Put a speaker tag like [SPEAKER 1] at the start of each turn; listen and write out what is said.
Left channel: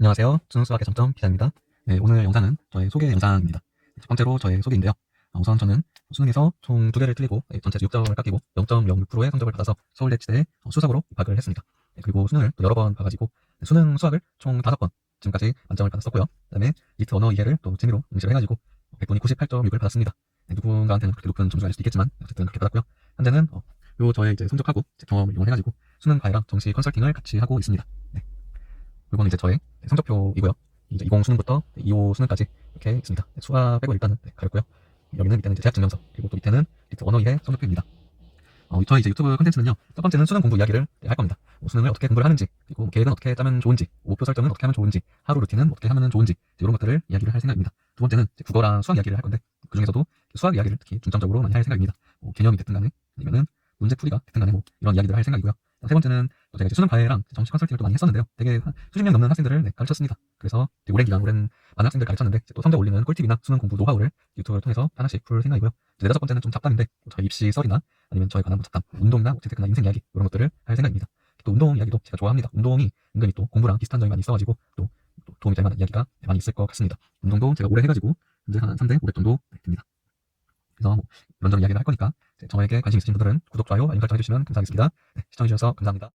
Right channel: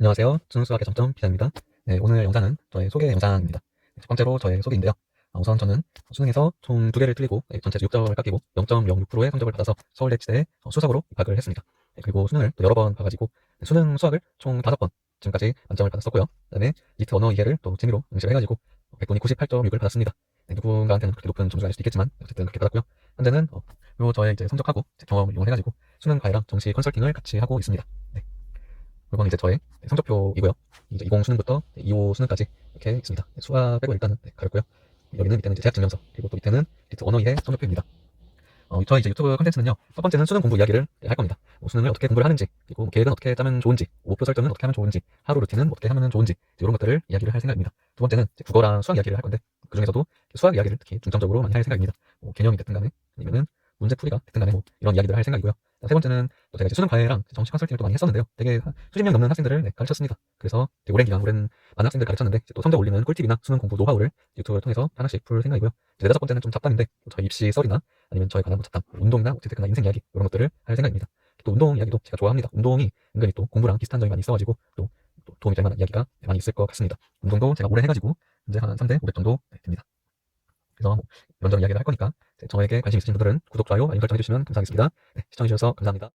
[SPEAKER 1] 안녕하세요. 순수학의 점점 기자입니다. 네, 오늘 영상은 저의 소개 영상입니다. 첫 번째로 저의 소개인데요. 아, 우선 저는 수능에서 총 두 개를 틀리고 네, 전체 6점을 깎이고 0.06%의 성적을 받아서 서울대치대에 어, 수석으로 입학을 했습니다. 네, 그리고 수능을 또 여러 번 봐가지고 네, 수능 수학을 총 5번 지금까지 만점을 받았었고요. 그다음에 이트 언어 이해를 또 재미로 응시를 해가지고 100분이 98.6을 받았습니다. 네, 누군가한테는 그렇게 높은 점수가 될 수도 있겠지만 어쨌든 그렇게 받았고요. 현재는 어, 요 저의 이제 성적하고 제 경험을 이용해가지고 수능 과외랑 정시 컨설팅을 같이 하고 있습니다. 네. 이건 이제 저의 성적표이고요. 이제 20 수능부터 25 수능까지 이렇게 있습니다. 네, 수학 빼고 일단은 네, 가렸고요. 여기는 밑에는 이제 대학 증명서 그리고 또 밑에는 리트 원어 이해 성적표입니다. 어, 저희 이제 유튜브 콘텐츠는요. 첫 번째는 수능 공부 이야기를 네, 할 겁니다. 뭐 수능을 어떻게 공부를 하는지 그리고 뭐 계획은 어떻게 짜면 좋은지 목표 설정은 어떻게 하면 좋은지 하루 루틴은 어떻게 하면 좋은지 이런 것들을 이야기를 할 생각입니다. 두 번째는 국어랑 수학 이야기를 할 건데 그 중에서도 수학 이야기를 특히 중점적으로 많이 할 생각입니다. 뭐 개념이 됐든 간에 아니면은 문제 풀이가 됐든 간에 뭐 이런 이야기들을 할 생각이고요. 세 번째는 또 제가 이제 수능 과외랑 정시 컨설팅을 또 많이 했었는데요. 되게 한 수십 명 넘는 학생들을 네, 가르쳤습니다. 그래서 오랜 기간, 오랜 많은 학생들 가르쳤는데 또 성적 올리는 꿀팁이나 수능 공부 노하우를 유튜브를 통해서 하나씩 풀 생각이고요. 이제 네 다섯 번째는 좀 잡담인데 뭐 저희 입시 썰이나 아니면 저에 관한 뭐 잡담, 뭐 운동이나 어쨌든 인생 이야기 이런 것들을 할 생각입니다. 또 운동 이야기도 제가 좋아합니다. 운동이 은근히 또 공부랑 비슷한 점이 많이 있어가지고 또, 또 도움이 될 만한 이야기가 많이 있을 것 같습니다. 운동도 제가 오래 해가지고 이제 한 3대 500 정도 네, 됩니다. 그래서 뭐 이런저런 이야기를 할 거니까 저에게 관심 있으신 분들은 구독, 좋아요, 알림 설정 해주시면 감사하겠습니다. 네, 시청해주셔서 감사합니다.